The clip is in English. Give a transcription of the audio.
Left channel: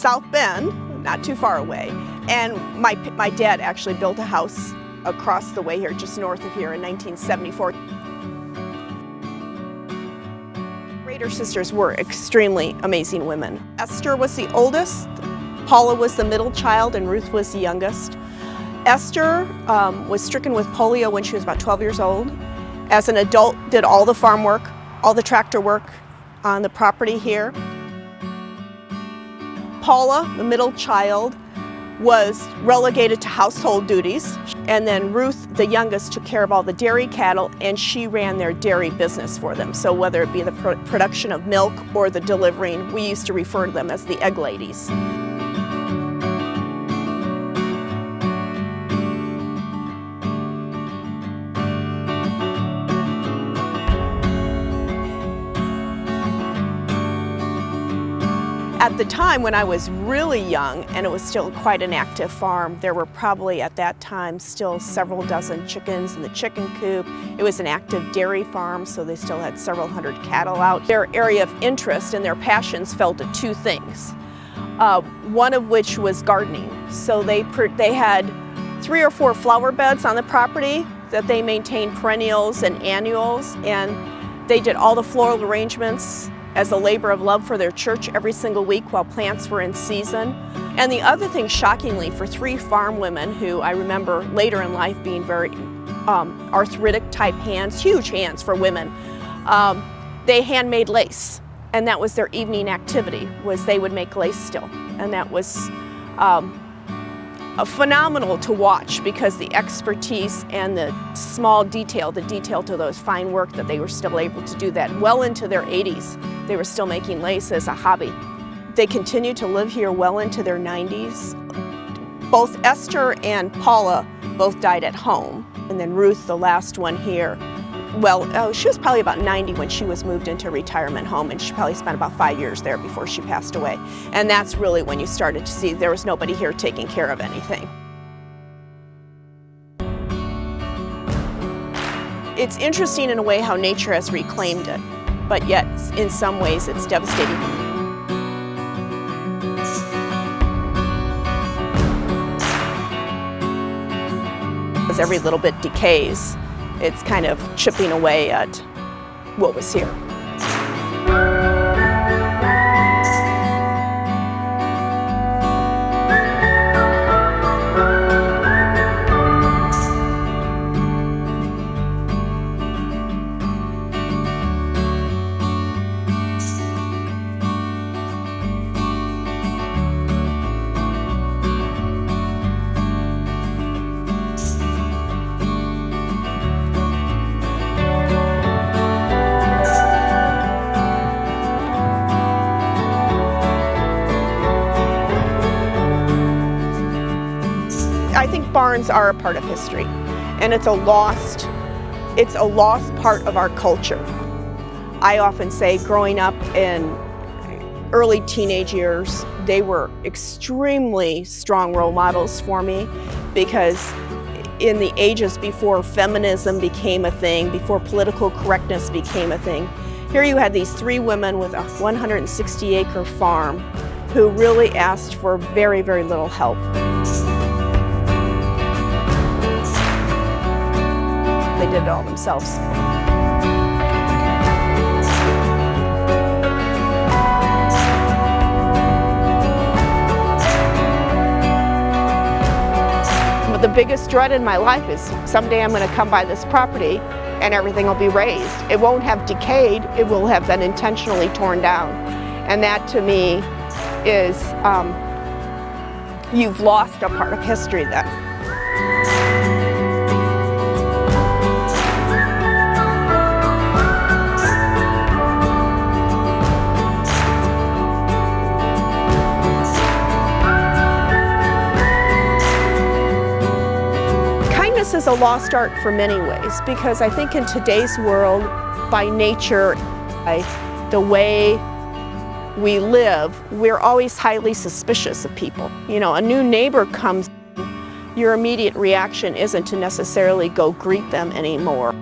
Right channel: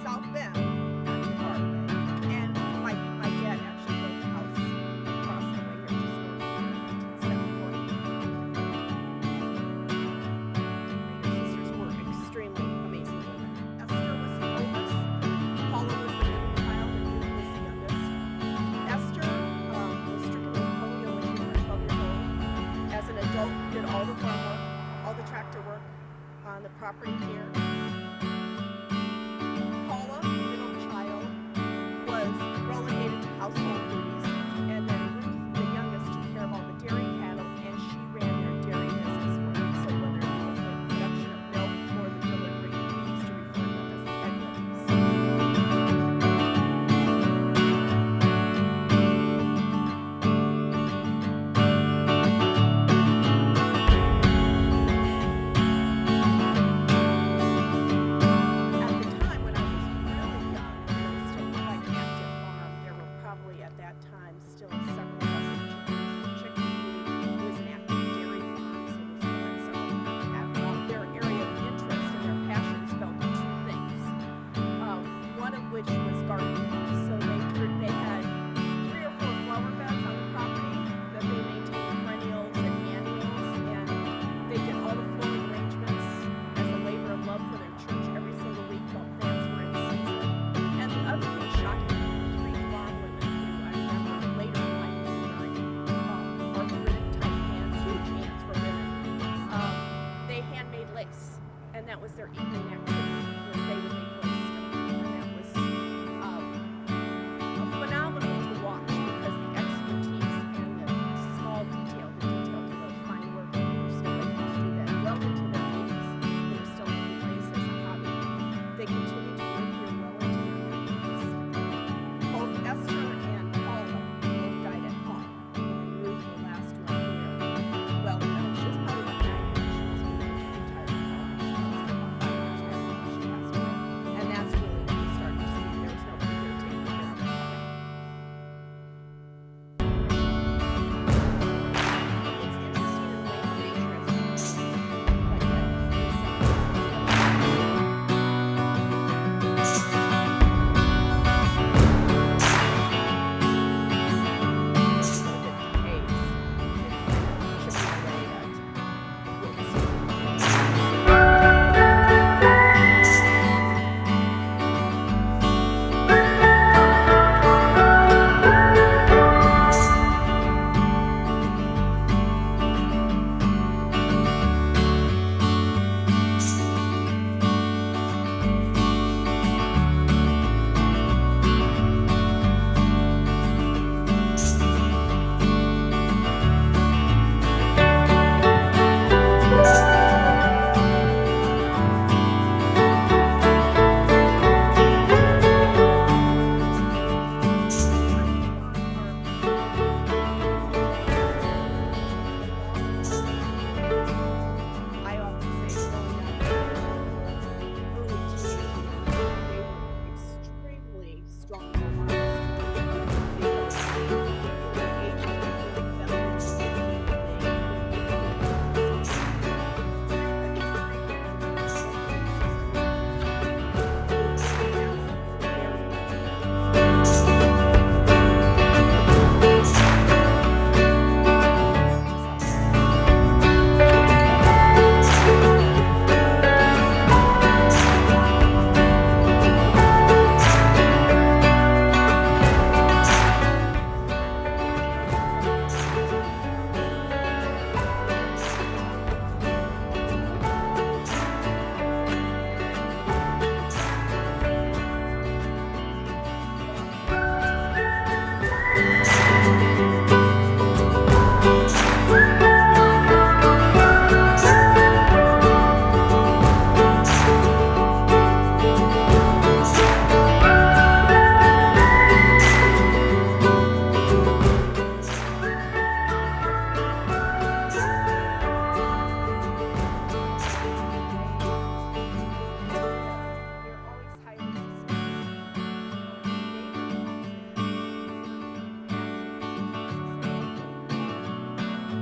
South Bend, not too far away, and my dad actually built a house across the way here, just north of here in 1974. Roeder sisters were extremely amazing women. Esther was the oldest, Paula was the middle child, and Ruth was the youngest. Esther was stricken with polio when she was about 12 years old. As an adult, did all the farm work, all the tractor work on the property here. Paula, the middle child, was relegated to household duties, and then Ruth, the youngest, took care of all the dairy cattle, and she ran their dairy business for them. So whether it be the production of milk or the delivering, we used to refer to them as the egg ladies. At the time when I was really young, and it was still quite an active farm, there were probably at that time still several dozen chickens in the chicken coop. It was an active dairy farm, so they still had several hundred cattle out. Their area of interest and their passions fell to two things, one of which was gardening. So they had 3 or 4 flower beds on the property that they maintained perennials and annuals, and they did all the floral arrangements as a labor of love for their church every single week while plants were in season. And the other thing, shockingly, for 3 farm women who I remember later in life being very arthritic type hands, huge hands for women, they handmade lace. And that was their evening activity, was they would make lace still. And that was phenomenal to watch, because the expertise and the small detail, the detail to those fine work, that they were still able to do that well into their 80s. They were still making lace as a hobby. They continued to live here well into their 90s. Both Esther and Paula both died at home. And then Ruth, the last one here, well, she was probably about 90 when she was moved into a retirement home, and she probably spent about 5 years there before she passed away. And that's really when you started to see there was nobody here taking care of anything. It's interesting in a way how nature has reclaimed it, but yet in some ways it's devastating. As every little bit decays, it's kind of chipping away at what was here. Barns are a part of history, and it's a lost part of our culture. I often say, growing up in early teenage years, they were extremely strong role models for me, because in the ages before feminism became a thing, before political correctness became a thing, here you had these 3 women with a 160-acre farm who really asked for very, very little help. Themselves. The biggest dread in my life is someday I'm going to come by this property and everything will be raised. It won't have decayed, it will have been intentionally torn down. And that to me is, you've lost a part of history then. A lost art for many ways, because I think in today's world, by nature, by the way we live, we're always highly suspicious of people. You know, a new neighbor comes, your immediate reaction isn't to necessarily go greet them anymore.